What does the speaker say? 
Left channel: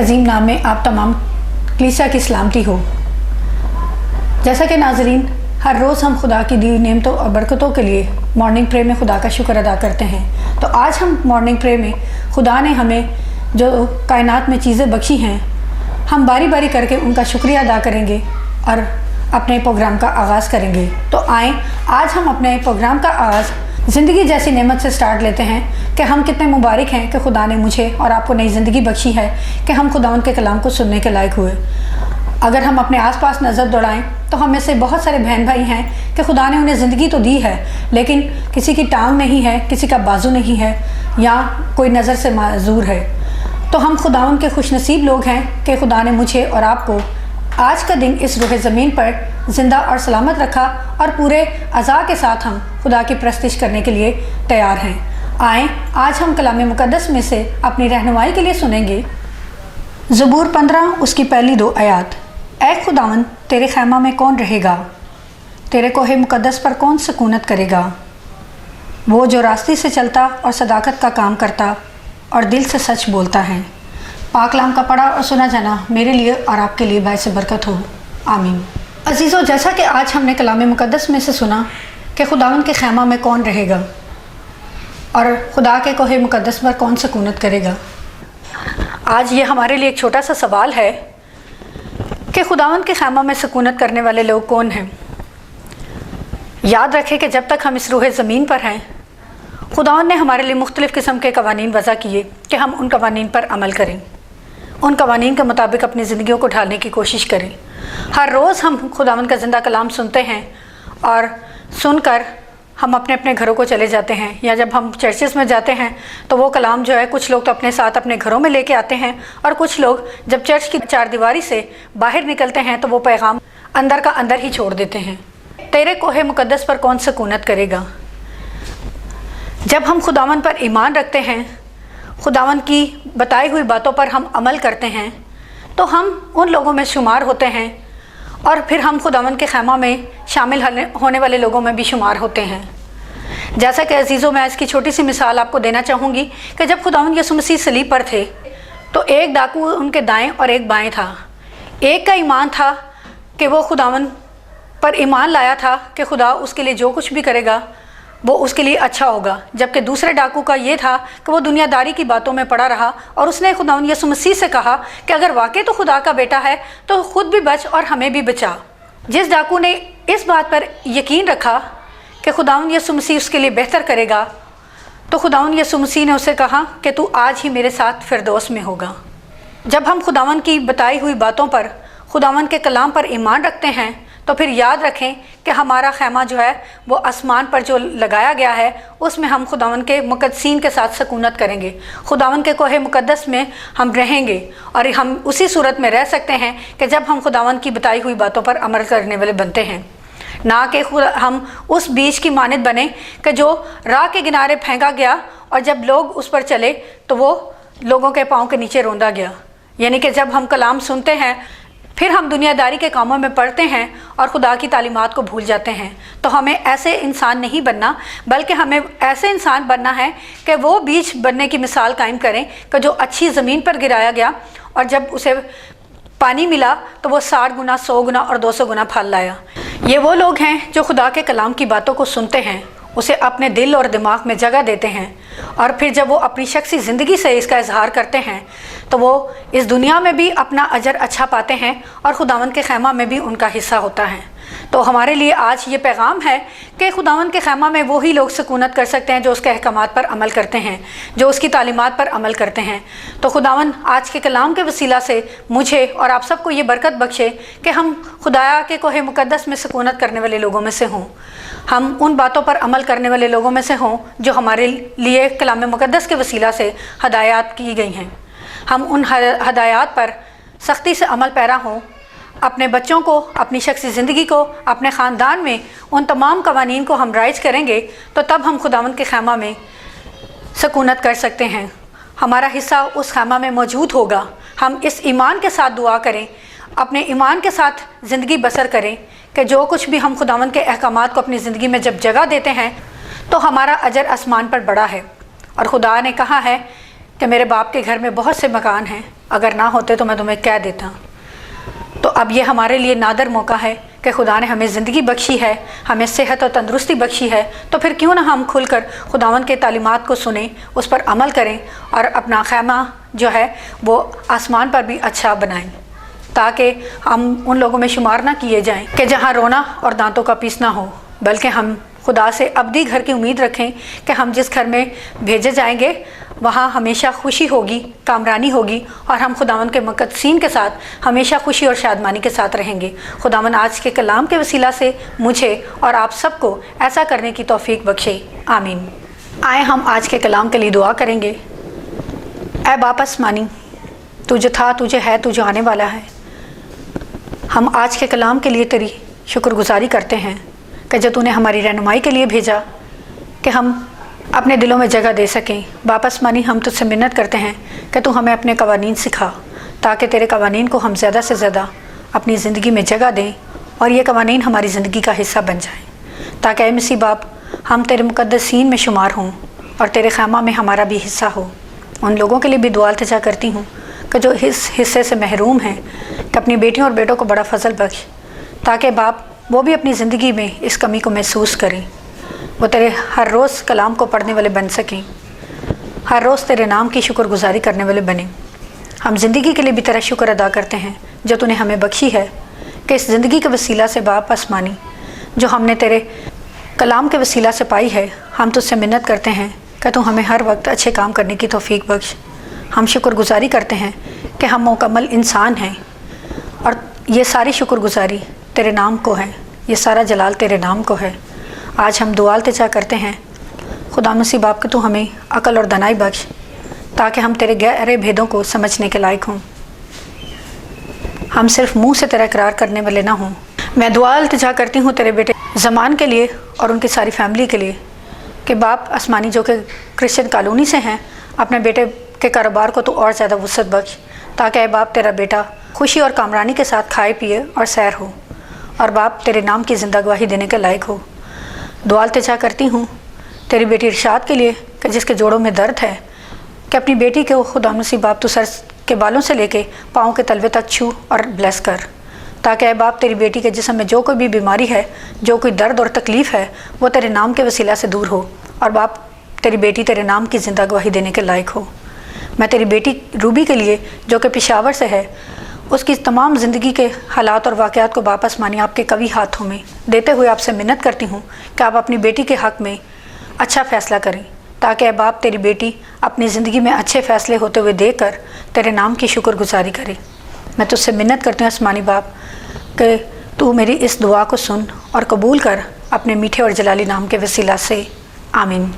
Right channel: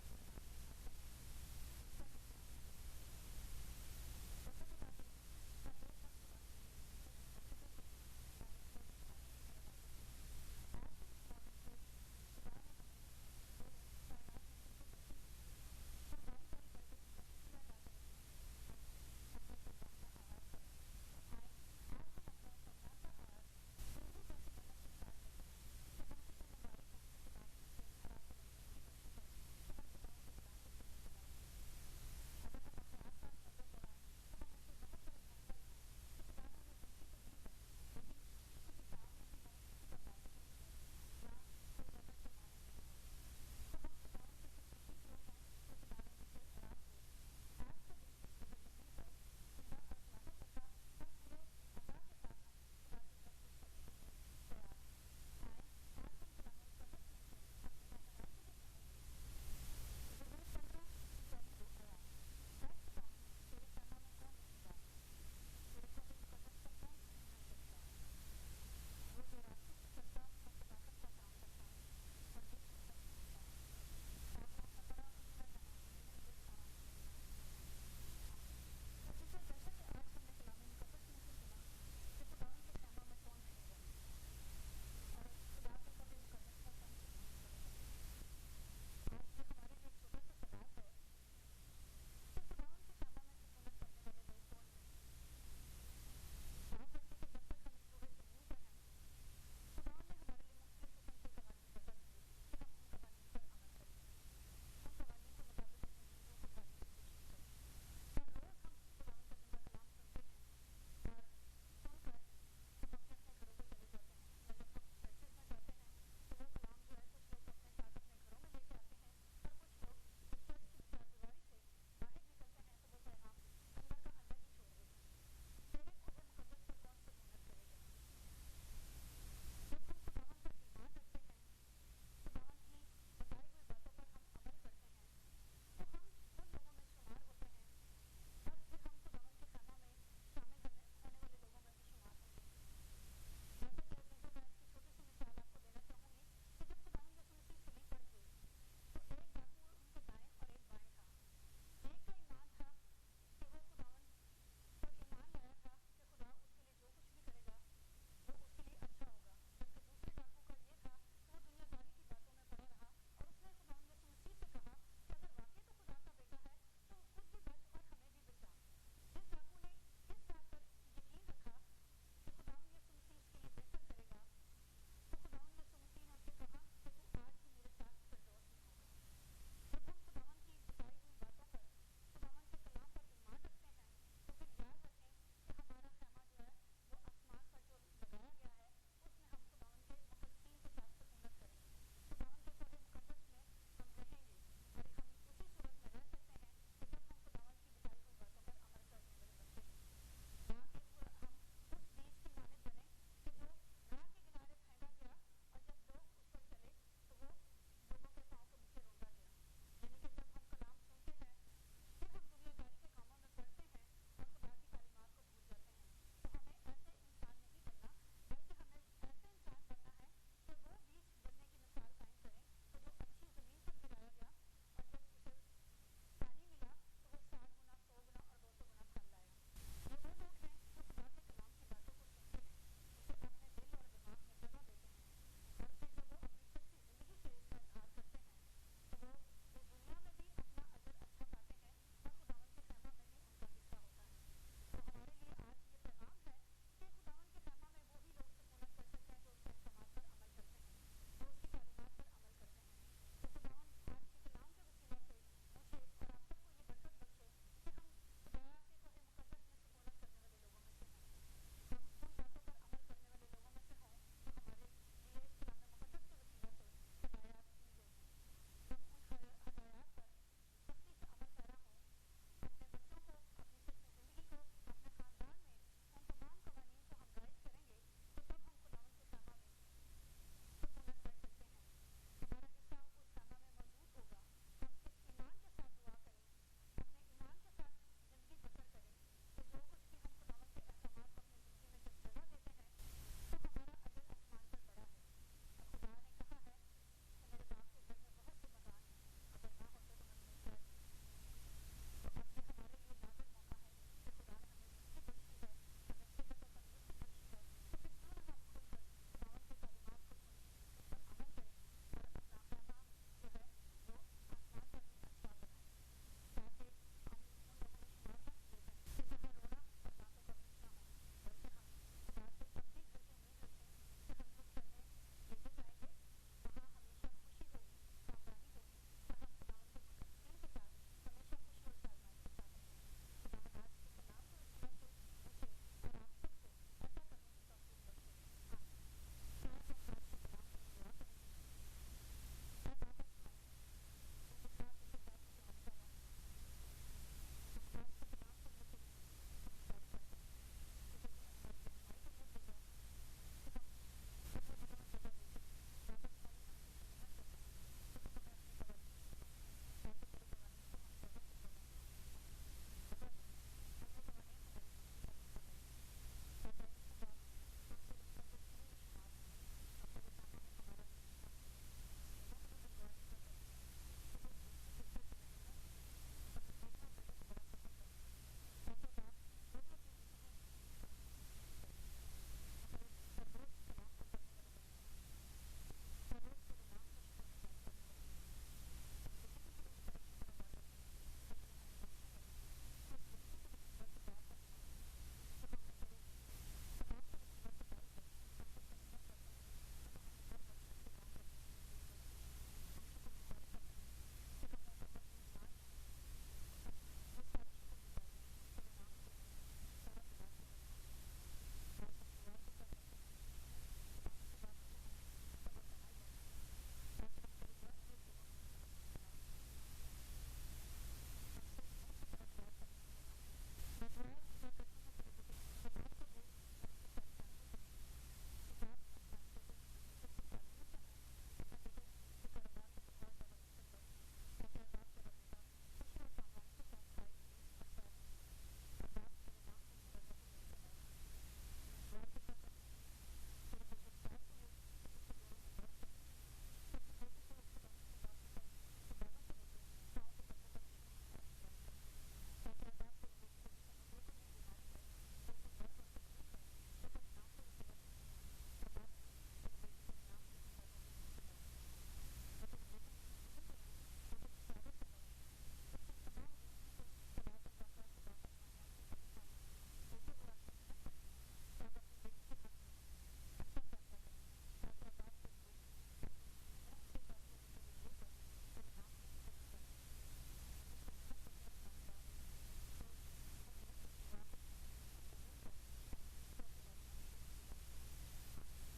अजीम नाम में आप तमाम कलीसिया की सलामती हो। जैसा कि नाजरीन, हर रोज़ हम खुदा की दी हुई नेमतों और बरकतों के लिए मॉर्निंग प्रे में खुदा का शुक्र अदा करते हैं। तो आज हम मॉर्निंग प्रे में खुदा ने हमें जो कायनात में चीज़ें बख्शी हैं, हम बारी बारी करके उनका शुक्रिया अदा करेंगे और अपने प्रोग्राम का आगाज़ करेंगे। तो आएँ आज हम अपने प्रोग्राम का आगाज़ ज़िंदगी जैसी नेमत से स्टार्ट लेते हैं कि हम कितने मुबारक हैं कि खुदा ने मुझे और आपको नई ज़िंदगी बख्शी है कि हम खुदावंद के कलाम को सुनने के लायक हुए। अगर हम अपने आसपास नज़र दौड़ाएं तो हम में से बहुत सारे बहन भाई हैं कि खुदा ने उन्हें ज़िंदगी तो दी है, लेकिन किसी की टांग नहीं है, किसी का बाजू नहीं है, या कोई नज़र से माजूर है। तो हम खुदावंद के खुशनसीब लोग हैं कि खुदा ने मुझे और आपको आज का दिन इस रूह ज़मीन पर ज़िंदा और सलामत रखा और पूरे अज़ा के साथ हम खुदा की परस्तिश करने के लिए तैयार हैं। आएँ आज हम कलाम मुक़द्दस में से अपनी रहनुमाई के लिए सुनेंगे ज़बूर 15 उसकी पहली 2 आयात। ऐ खुदावंद, तेरे खैमा में कौन रहेगा? तेरे कोहे मुक़द्दस पर कौन सकूनत करेगा? वो जो रास्ते से चलता और सदाकत का काम करता और दिल से सच बोलता है। पाक कलाम का पढ़ा और सुना जाना मेरे लिए और आपके लिए बायस बरकत हो। आमीन। अजीज़ों, जैसा कि आज हमने कलाम मुक़द्दस में से सुना कि खुदावंद के खैमा में कौन रहेगा और खुदा के कोहे मुक़द्दस पर कौन सकूनत करेगा, आज ये हमारे लिए एक छोटा सा सवाल है कि खुदावंद के खैमा में सकूनत करने वाले लोग कौन हैं। याद रखें कि जब तक हम इस रूह ज़मीन पर हैं, खुदावंद ने हमारे लिए मुख्तलिफ़ किस्म के कवानीन वज़ा किए कि हम उन कवानीन पर अमल करें, उन कवानीन के मुताबिक अपनी ज़िंदगियों को ढालने की कोशिश करें। हर रोज़ हम खुदावंद का ज़िंदा कलाम सुनते हैं और सुनकर हम अपने अपने घरों को चले जाते हैं, या जब हम चर्चेस में जाते हैं तो वो कलाम जो है कुछ लोग तो अपने साथ अपने घरों में लेके आते हैं, और कुछ लोग जब चर्च की चारदीवारी से बाहर निकलते हैं तो वो पैगाम अंदर का अंदर ही छोड़ देते हैं। तेरे कोहे मुक़द्दस पर कौन सकूनत करेगा। जब हम खुदावंद पर ईमान रखते हैं, खुदावंद की बताई हुई बातों पर हम अमल करते हैं, तो हम उन लोगों में शुमार होते हैं और फिर हम खुदावंद के खैमा में शामिल होने वाले लोगों में भी शुमार होते हैं। जैसा कि अजीज़ों, मैं इसकी छोटी सी मिसाल आपको देना चाहूँगी कि जब खुदावंद यीशु मसीह सलीब पर थे तो एक डाकू उनके दाएं और एक बाएं था। एक का ईमान था कि वो खुदावंद पर ईमान लाया था कि खुदा उसके लिए जो कुछ भी करेगा वो उसके लिए अच्छा होगा, जबकि दूसरे डाकू का ये था कि वो दुनियादारी की बातों में पड़ा रहा और उसने खुदावंद यीशु मसीह से कहा कि अगर वाकई तो खुदा का बेटा है तो खुद भी बच और हमें भी बचा। जिस डाकू ने इस बात पर यकीन रखा कि खुदावंद यीशु मसीह उसके लिए बेहतर करेगा, तो खुदावंद यीशु मसीह ने उसे कहा कि तू आज ही मेरे साथ फिरदौस में होगा। जब हम खुदावंद की बताई हुई बातों पर, खुदावंद के कलाम पर ईमान रखते हैं, तो फिर याद रखें कि हमारा खैमा जो है वो आसमान पर जो लगाया गया है उसमें हम खुदावंद के मुक़द्दसीन के साथ सकूनत करेंगे। खुदावंद के कोहे मुक़द्दस में हम रहेंगे और हम उसी सूरत में रह सकते हैं कि जब हम खुदावंद की बताई हुई बातों पर अमल करने वाले बनते हैं, ना कि हम उस बीज की मानद बने कि जो राह के किनारे फेंका गया और जब लोग उस पर चले तो वो लोगों के पाँव के नीचे रौंदा गया। यानी कि जब हम कलाम सुनते हैं फिर हम दुनियादारी के कामों में पड़ते हैं और खुदा की तालीमात को भूल जाते हैं। तो हमें ऐसे इंसान नहीं बनना, बल्कि हमें ऐसे इंसान बनना है कि वो बीज बनने की मिसाल कायम करें कि जो अच्छी ज़मीन पर गिराया गया और जब उसे पानी मिला तो वो 60 गुना, 100 गुना और 200 गुना फल लाया। ये वो लोग हैं जो खुदा के कलाम की बातों को सुनते हैं, उसे अपने दिल और दिमाग में जगह देते हैं, और फिर जब वो अपनी शख्सी ज़िंदगी से इसका इजहार करते हैं तो वो इस दुनिया में भी अपना अजर अच्छा पाते हैं और खुदावंद के खैमा में भी उनका हिस्सा होता है। तो हमारे लिए आज ये पैगाम है कि खुदावंद के खैमा में वही लोग सकूनत कर सकते हैं जो उसके अहकामात पर अमल करते हैं, जो उसकी तालीमात पर अमल करते हैं। तो खुदावंद आज के कलाम के वसीला से मुझे और आप सबको ये बरकत बख्शे कि हम खुदाया के कोहे मुक़द्दस में सकूनत करने वाले लोगों में से हों, हम उन बातों पर अमल करने वाले लोगों में से हों जो हमारे लिए कलाम मुक़द्दस के वसीला से हदायत की गई हैं। हम उन हदायत पर सख्ती से अमल पैरा हों, अपने बच्चों को, अपनी शख्सी ज़िंदगी को, अपने ख़ानदान में उन तमाम कवानीन को हम राइज करेंगे तो तब हम खुदावंद के खैमा में सकूनत कर सकते हैं। हमारा हिस्सा उस खैमा में मौजूद होगा। हम इस ईमान के साथ दुआ करें, अपने ईमान के साथ ज़िंदगी बसर करें कि जो कुछ भी हम खुदावंद के अहकामात को अपनी ज़िंदगी में जब जगह देते हैं तो हमारा अजर आसमान पर बड़ा है। और खुदा ने कहा है कि मेरे बाप के घर में बहुत से मकान हैं, اگر نہ ہوتے تو میں تمہیں کہہ دیتا۔ تو اب یہ ہمارے لیے نادر موقع ہے کہ خدا نے ہمیں زندگی بخشی ہے، ہمیں صحت اور تندرستی بخشی ہے، تو پھر کیوں نہ ہم کھل کر خداوند کے تعلیمات کو سنیں، اس پر عمل کریں اور اپنا خیمہ جو ہے وہ آسمان پر بھی اچھا بنائیں، تاکہ ہم ان لوگوں میں شمار نہ کیے جائیں کہ جہاں رونا اور دانتوں کا پیسنا ہو، بلکہ ہم خدا سے ابدی گھر کی امید رکھیں کہ ہم جس گھر میں بھیجے جائیں گے وہاں ہمیشہ خوشی ہوگی، کامرانی ہوگی، اور ہم خداوند کے مقدسین کے ساتھ ہمیشہ خوشی اور شادمانی کے ساتھ رہیں گے۔ خداوند آج کے کلام کے وسیلہ سے مجھے اور آپ سب کو ایسا کرنے کی توفیق بخشے، آمین۔ آئے ہم آج کے کلام کے لیے دعا کریں گے۔ اے باپ آسمانی، تو جو تھا، تو جو ہے، تو جو آنے والا ہے، ہم آج کے کلام کے لیے تیری شکر گزاری کرتے ہیں کہ جو تو نے ہماری رہنمائی کے لیے بھیجا کہ ہم اپنے دلوں میں جگہ دے سکیں۔ باپ آسمانی، ہم تجھ سے منت کرتے ہیں کہ تو ہمیں اپنے قوانین سکھا، تاکہ تیرے قوانین کو ہم زیادہ سے زیادہ اپنی زندگی میں جگہ دیں اور یہ قوانین ہماری زندگی کا حصہ بن جائیں، تاکہ اے مسیح باپ ہم تیرے مقدسین میں شمار ہوں اور تیرے خیمہ میں ہمارا بھی حصہ ہو۔ ان لوگوں کے لیے بھی دعا التجا کرتی ہوں کہ جو اس حصے سے محروم ہیں، کہ اپنی بیٹیوں اور بیٹوں کو بڑا فضل بخش، تاکہ باپ وہ بھی اپنی زندگی میں اس کمی کو محسوس کریں، وہ تیرے ہر روز کلام کو پڑھنے والے بن سکیں، ہر روز تیرے نام کی شکر گزاری کرنے والے بنیں۔ ہم زندگی کے لیے بھی تیرا شکر ادا کرتے ہیں جو تو نے ہمیں بخشی ہے، کہ اس زندگی کے وسیلہ سے باپ آسمانی جو ہم نے تیرے کلام کے وسیلہ سے پائی ہے، ہم تجھ سے منت کرتے ہیں کہ تو ہمیں ہر وقت اچھے کام کرنے کی توفیق بخش۔ ہم شکر گزاری کرتے ہیں کہ ہم مکمل انسان ہیں، اور یہ ساری شکر گزاری تیرے نام کو ہے، یہ سارا جلال تیرے نام کو ہے۔ آج ہم دعا التجا کرتے ہیں خدا مسیح باپ کہ تو ہمیں عقل اور دانائی بخش، تاکہ ہم تیرے گہرے بھیدوں کو سمجھنے کے لائق ہوں، ہم صرف منہ سے تیرا اقرار کرنے والے نہ ہوں۔ میں دعا التجا کرتی ہوں تیرے بیٹے زمان کے لیے اور ان کی ساری فیملی کے لیے، کہ باپ آسمانی جو کہ کرسچن کالونی سے ہیں، اپنے بیٹے کے کاروبار کو تو اور زیادہ وسعت بخش، تاکہ اے باپ تیرا بیٹا خوشی اور کامرانی کے ساتھ کھائے پیے اور سیر ہو، اور باپ تیرے نام کی زندہ گواہی دینے کے لائق ہو۔ دعا التجا کرتی ہوں تیری بیٹی ارشاد کے لیے کہ جس کے جوڑوں میں درد ہے، کہ اپنی بیٹی کو خدا مسیح باپ تو سر کے بالوں سے لے کے پاؤں کے تلوے تک چھو اور بلیس کر، تاکہ اے باپ تیری بیٹی کے جسم میں جو کوئی بھی بیماری ہے، جو کوئی درد اور تکلیف ہے، وہ تیرے نام کے وسیلہ سے دور ہو، اور باپ تیری بیٹی تیرے نام کی زندہ گواہی دینے کے لائق ہو۔ میں تیری بیٹی روبی کے لیے جو کہ پشاور سے ہے، اس کی تمام زندگی کے حالات اور واقعات کو باپ آسمانی آپ کے قوی ہاتھوں میں دیتے ہوئے آپ سے منت کرتی ہوں کہ آپ اپنی بیٹی کے حق میں اچھا فیصلہ کریں، تاکہ اے باپ تیری بیٹی اپنی زندگی میں اچھے فیصلے ہوتے ہوئے دے کر تیرے نام کی شکر گزاری کرے۔ میں تجھ سے منت کرتی ہوں آسمانی باپ کہ تو میری اس دعا کو سن اور قبول کر اپنے میٹھے اور جلالی نام کے وسیلہ سے، آمین۔